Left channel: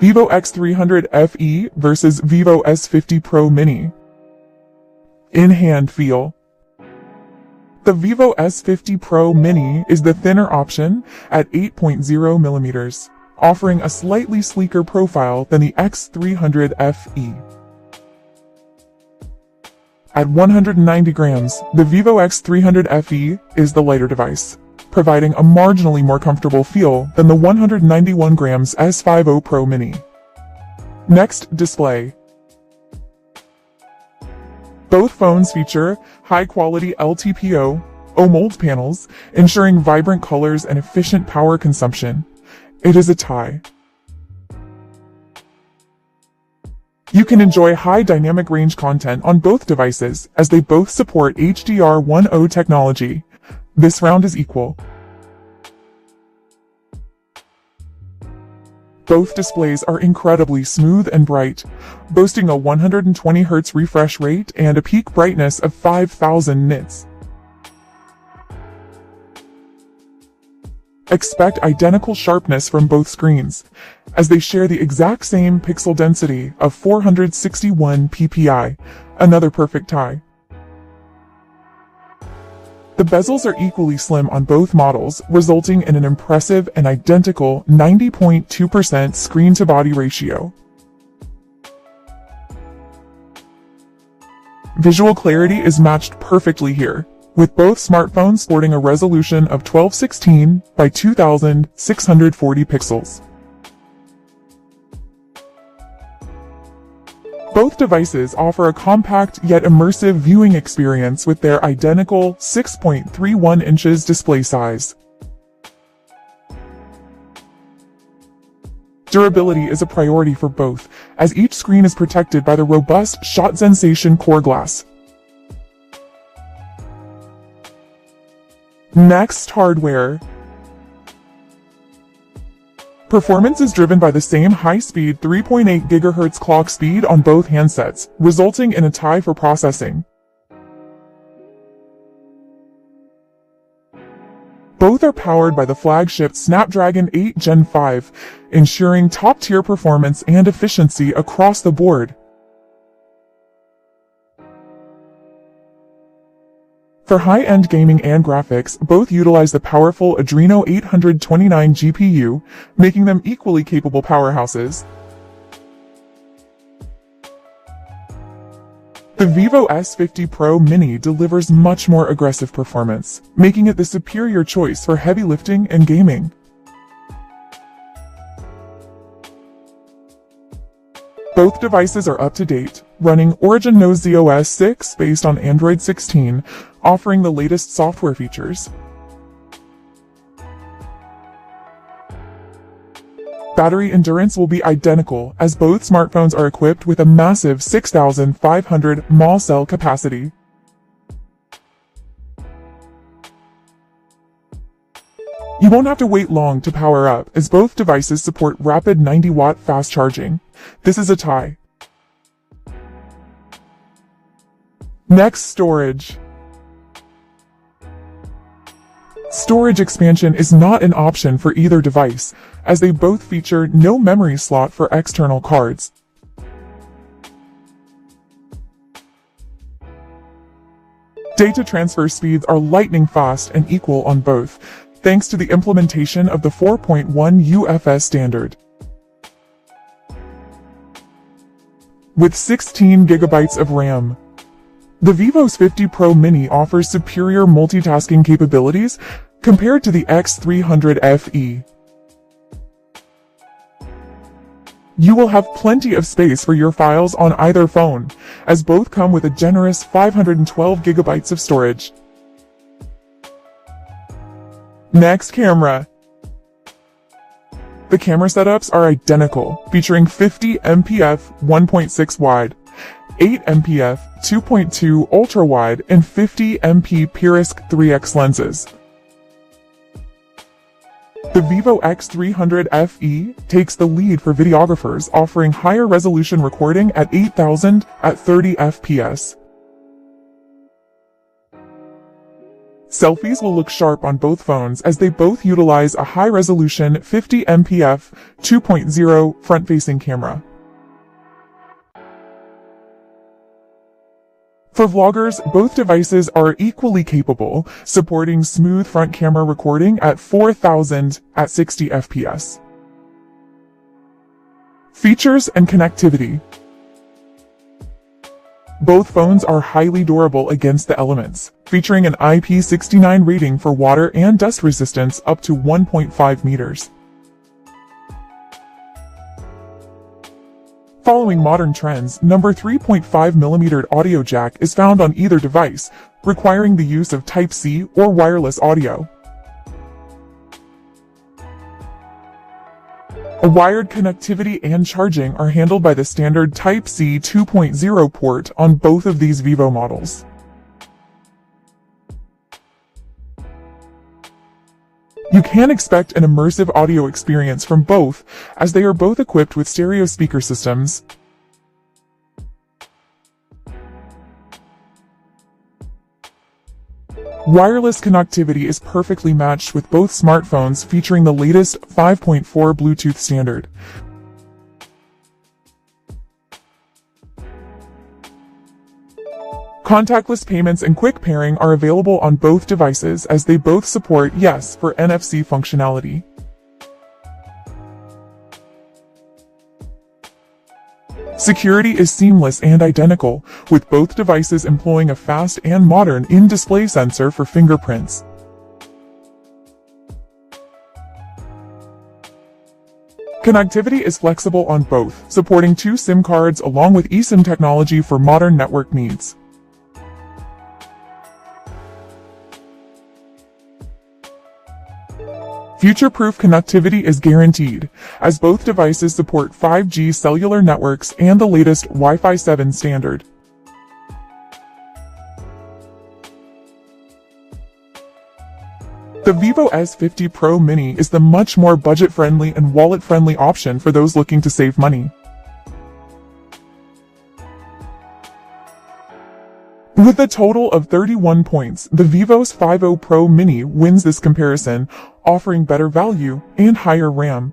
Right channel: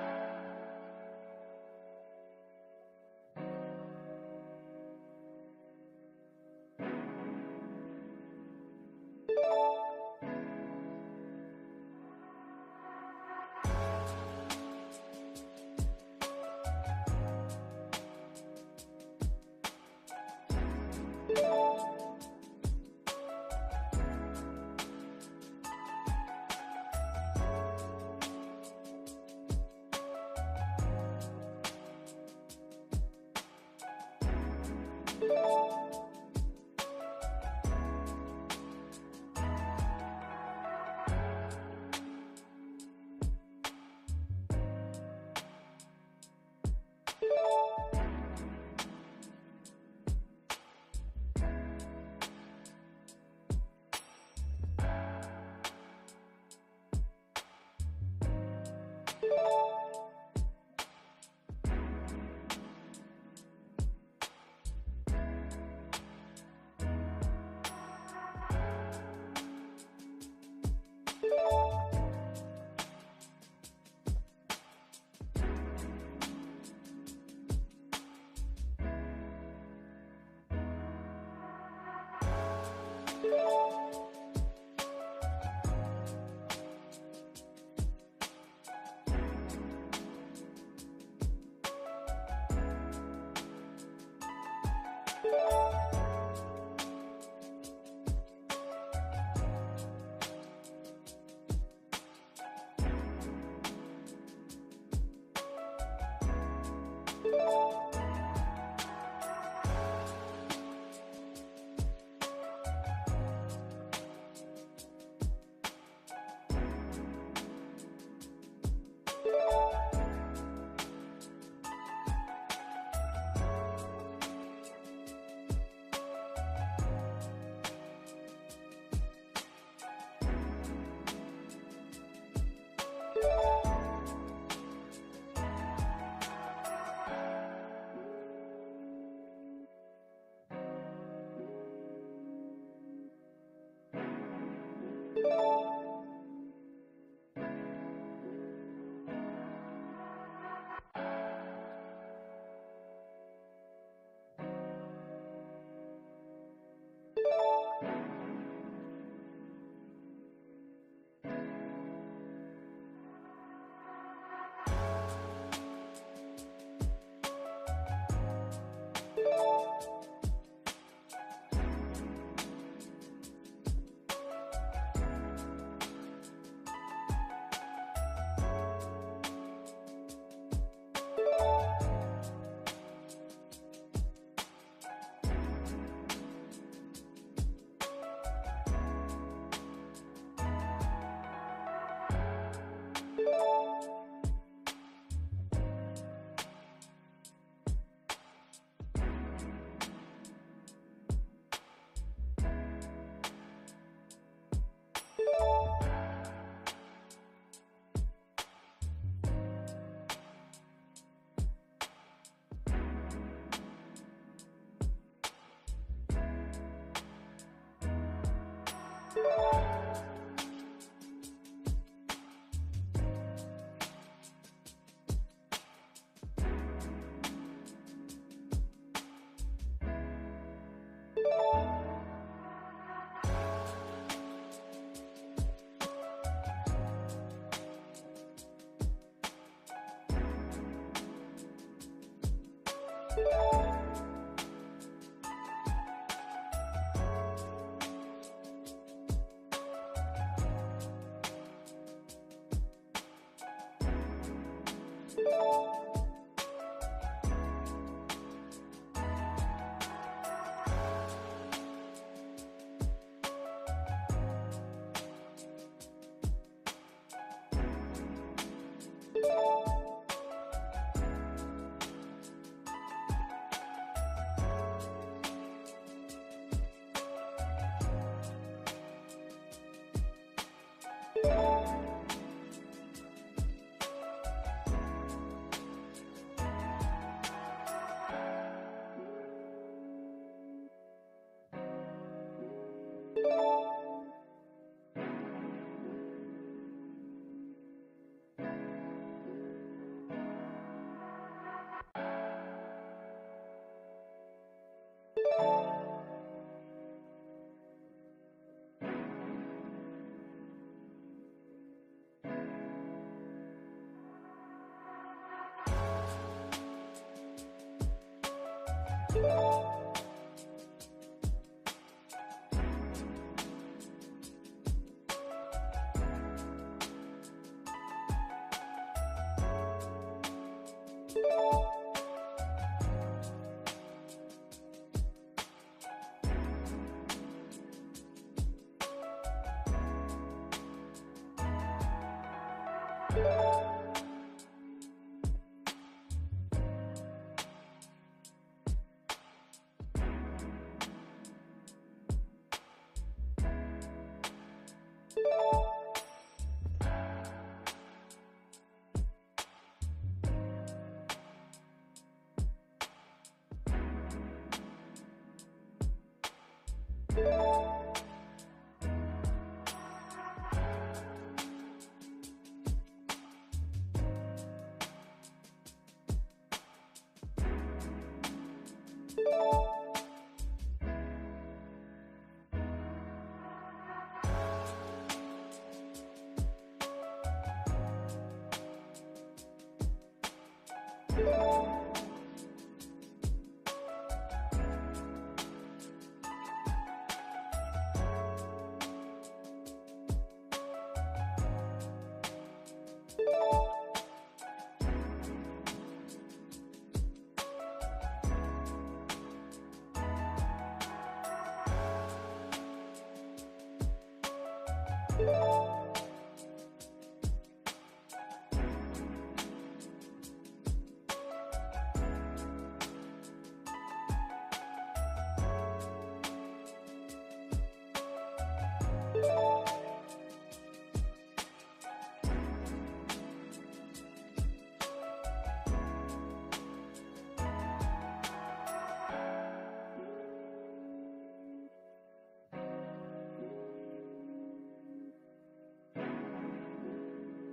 Vivo X300 FE versus Vivo S50 Pro Mini. In-hand feel. The Vivo S50 Pro Mini is the thinner option at 8.0mm, offering a slightly sleeker profile than the X300 FE. At 190 grams, the Vivo X300 FE is the lighter device, providing a marginally more comfortable feel than the 191 grams S50 Pro Mini. Next, display. Both phones feature high-quality LTPO OLED panels, ensuring vibrant colors and efficient power consumption. It is a tie. You can enjoy high dynamic range content on both devices, as they both support HDR10 technology. This round is equal. Both displays are incredibly smooth and bright, boasting a 120Hz refresh rate and a peak brightness of 5000 nits. Expect identical sharpness from both screens, as they share the exact same pixel density of 461 ppi, another perfect tie. The bezels are equally slim on both models, resulting in an impressive and identical 90.2% screen-to-body ratio. Visual clarity is matched perfectly here, with both smartphones sporting a resolution of 1216 by 2640 pixels. Both devices offer a compact yet immersive viewing experience with their identical 6.31 inches display size. Durability is a priority for both, as each screen is protected by the robust Shot Sensation core glass. Next, hardware. Performance is driven by the same high-speed 3.8 GHz clock speed on both handsets, resulting in a tie for processing. Both are powered by the flagship Snapdragon 8 Gen 5, ensuring top-tier performance and efficiency across the board. For high-end gaming and graphics, both utilize the powerful Adreno 829 GPU, making them equally capable powerhouses. The Vivo S50 Pro Mini delivers much more aggressive performance, making it the superior choice for heavy lifting and gaming. Both devices are up-to-date, running Origin Knows OS 6 based on Android 16, offering the latest software features. Battery endurance will be identical, as both smartphones are equipped with a massive 6,500 mAh cell capacity. You won't have to wait long to power up, as both devices support rapid 90-watt fast charging. This is a tie. Next, storage. Storage expansion is not an option for either device, as they both feature no memory slot for external cards. Data transfer speeds are lightning fast and equal on both, thanks to the implementation of the 4.1 UFS standard. With 16 GB of RAM, the Vivo S50 Pro Mini offers superior multitasking capabilities compared to the X300 FE. You will have plenty of space for your files on either phone, as both come with a generous 512 GB of storage. Next, camera. The camera setups are identical, featuring 50 mpf 1.6 wide, 8 mpf 2.2 ultra wide, and 50 MP PureSC 3x lenses. The Vivo X300 FE takes the lead for videographers, offering higher resolution recording at 8000 at 30 fps. Selfies will look sharp on both phones as they both utilize a high-resolution 50 MP f2.0 front-facing camera. For vloggers, both devices are equally capable, supporting smooth front camera recording at 4000 at 60 fps. Features and connectivity. Both phones are highly durable against the elements, featuring an IP69 rating for water and dust resistance up to 1.5 meters. Following modern trends, number 3.5mm audio jack is found on either device, requiring the use of Type-C or wireless audio. A wired connectivity and charging are handled by the standard Type-C 2.0 port on both of these Vivo models. You can expect an immersive audio experience from both, as they are both equipped with stereo speaker systems. Wireless connectivity is perfectly matched with both smartphones, featuring the latest 5.4 Bluetooth standard. Contactless payments and quick pairing are available on both devices as they both support Yes for NFC functionality. Security is seamless and identical, with both devices employing a fast and modern in-display sensor for fingerprints. Connectivity is flexible on both, supporting 2 SIM cards along with eSIM technology for modern network needs. Future-proof connectivity is guaranteed, as both devices support 5G cellular networks and the latest Wi-Fi 7 standard. The Vivo S50 Pro Mini is the much more budget-friendly and wallet-friendly option for those looking to save money. With a total of 31 points, the Vivo's 50 Pro Mini wins this comparison, offering better value and higher RAM.